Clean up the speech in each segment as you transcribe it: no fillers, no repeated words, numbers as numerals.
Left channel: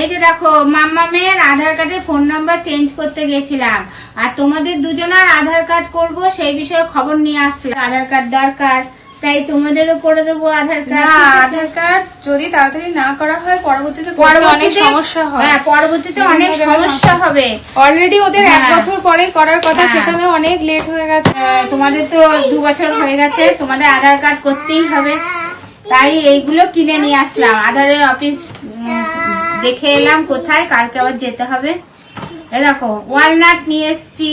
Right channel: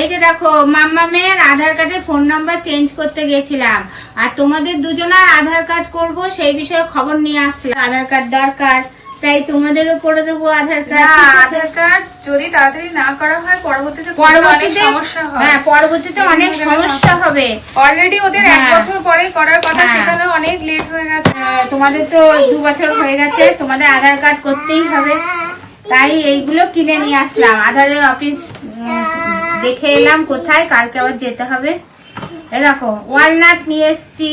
এই যে দেখো মাম্মামের আধার কার্ডের ফোন নাম্বার চেঞ্জ করতে গেছিলাম, আর তোমাদের দুজনের আধার কার্ড করব সেই বিষয়ে খবর নিয়ে আসছে। আধার কার্ড দরকার, তাই তোমাদেরও করে দেবো আধার কার্ড। আধার কার্ড যদি তাড়াতাড়ি না করা হয় পরবর্তীতে সমস্যা হয়। হ্যাঁ, পরবর্তীতে অনেক সমস্যা হবে। অলরেডি ওদের 1 বছর পরে করার কথা, সেখানে অনেক লেট হয়ে গেছে। তোমাদের তো 2 বছর হয়ে গেছে, তোমাদের আধার কার্ড করতেই হবে। তাই এইগুলো কিনে নিয়ে আসলাম। আধারের অফিস দেখে এলাম কোথায়, কালকে আবার যেতে হবে। এই দেখো ওয়ালনাট নিয়ে এসছি।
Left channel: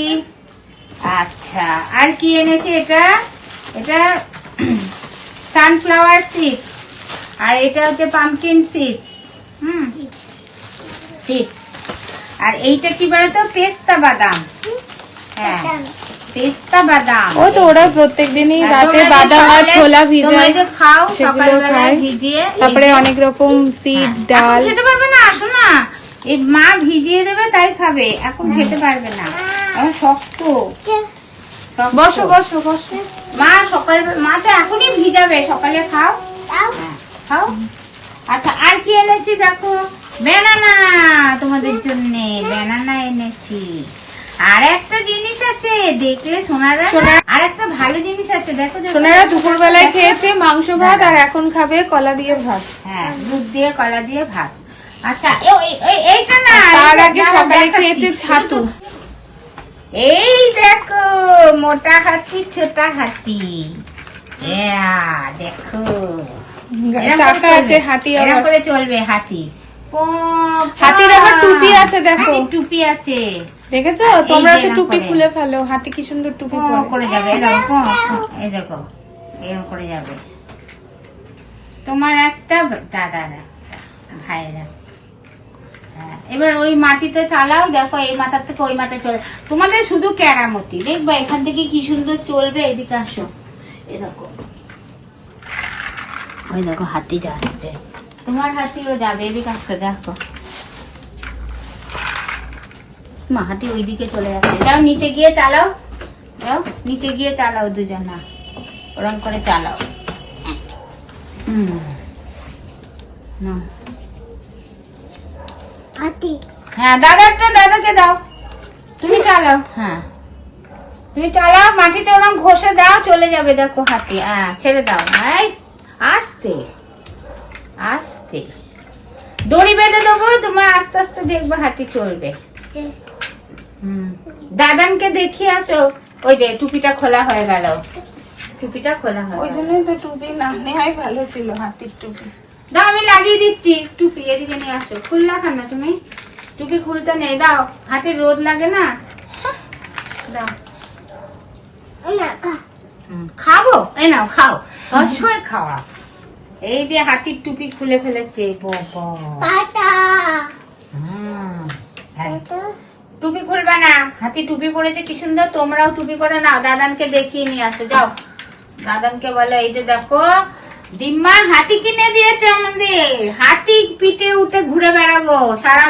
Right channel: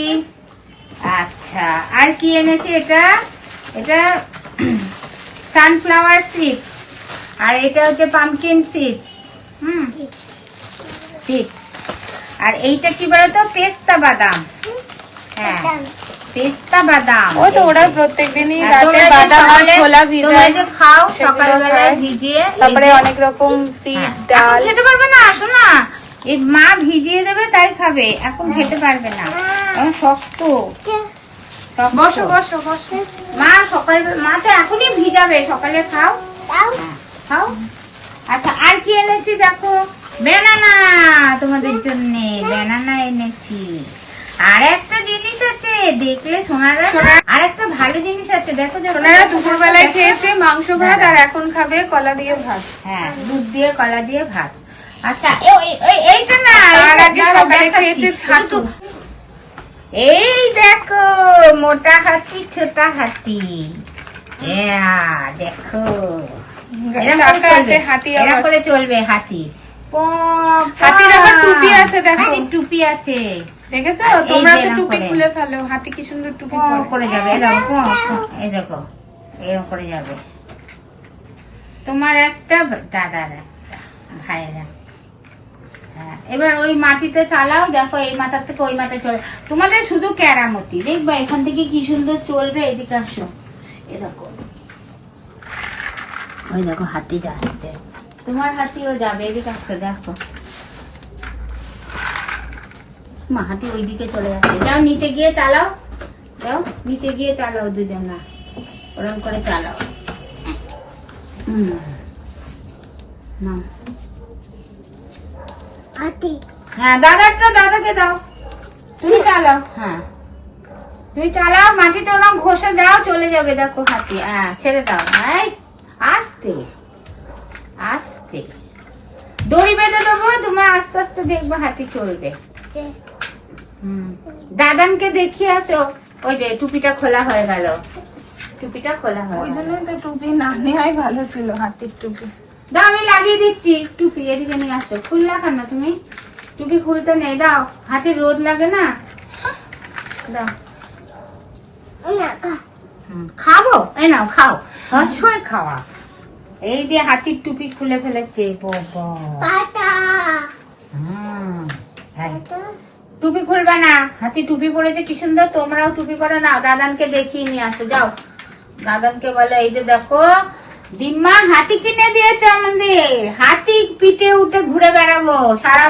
আচ্ছা, আর কি এনেছি? এটা সানফ্লাওয়ার সিডস, আর এটা হচ্ছে পামকিন সিডস। সিডস। আর এইটা কি বলতো? পেস্তা বাদাম। হ্যাঁ, পেস্তা বাদাম। ওই তো ওরা প্রত্যেকদিনই তোমরা যে খাও সকালবেলায় ভিজিয়ে, অনেক রকম সিড। এখন খেতে পারবে না, আসো না, এই মা ভিজিয়ে দেবে তাই খাবে, এখন খেতে পারবে না, এখন শক্ত। বসো বসো বসো। মা তো এখনই ভিজাবে, সকালে খাও। খাও। আচ্ছা, আর কি এনেছি দেখো? ব্যানানা, তোমাদের জন্য ব্যানানা এনেছি। আর একটা জিনিস আছে, দেখলে সোনারা, আর একটা ভালো জিনিস আছে, দেখো। সোনারা দুপুরবেলায় খেয়েছে মাংস ভাত, আর এখন খাবে কলা দিয়ে ভাত। হ্যাঁ, দুধ দিয়ে কলা দিয়ে ভাত। আচ্ছা, এইটা না, খেয়েছে ছাতু। এই দেখো মোটা হাতি ছোটা হাতি। দেখো এরকম করে চলবে হাতি। হাতির আবার টুপি আছে, দেখো টুপি আছে, দেখেছো? তোমরা তো টুপি খুলে ফেলো, হাতি কি সুন্দর টুপি করে যাবে। এই দেখো এরকম করে যাবে। তোমার একটা, দাদার একটা, ভাইয়ের একটা। হ্যাঁ, এবার ওই মাটিতে চালাও, দেখো এই মাথার থেকে ওই মাথায় চলে। তোমাদের শুধু কেরামতি দেখবা, এখান থেকে কি সুন্দর চলবে। এদিকে আসো, এ দেখো, ওই দেখো হাতি যাচ্ছে, তোমার হাতিও যাবে। এদিকে আসো, দেখো মা হাতি ওইদিকে চলে যাচ্ছে। যাও নিচে গিয়ে চালাও, যাও নিচে গিয়ে চালাও, দুজনা ওরম করে চালাও। না, হ্যাঁ দাদাকে দাও, তুমি চালাও। হ্যাঁ, তুমি চালাও, মাটিতে ওরকম ঘষে দাও, চলে যাবে। দেখো হাতি, হ্যাঁ ছেড়ে দাও। আস্তে আস্তে দড়ি বেঁধে দেবো, তোমার আস্তে আস্তে দেখবে হাতি চলবে। দাদানকে দেখিয়ে আসো। ওই যে টুপিটা খোলা হয়ে গেল, টুপিটা খোলা হয়। ওই জন্যই তো টুপি না নেওয়াই ভালো ছিল, হাতির টুপি। দাও, আমি লাগিয়ে দিচ্ছি টুপি। এদিকে নিয়ে আসো। খুললা কেন তুমি? টুপি খুলতে নেই, দাও, হাতের রোদ লাগে না। দাও, খাবো, এই নাও খাও, অবশ্যই খাওয়া। এই দিয়ে হাতির টুপি খুলে ফেলেছে। টুপি খুলবা না, হাতি টুপি পরেছে কি সুন্দর। তোমরাও টুপি পরে নাও, দাদানকে দেখিয়ে নিয়ে আসো। যাও, দাদানকে বলো, এই যে দেখো দিম্মা হাতি কিনে দিয়েছে আমাদের, হাতি পিঠে উঠে ঘুরে বেড়াবো সারা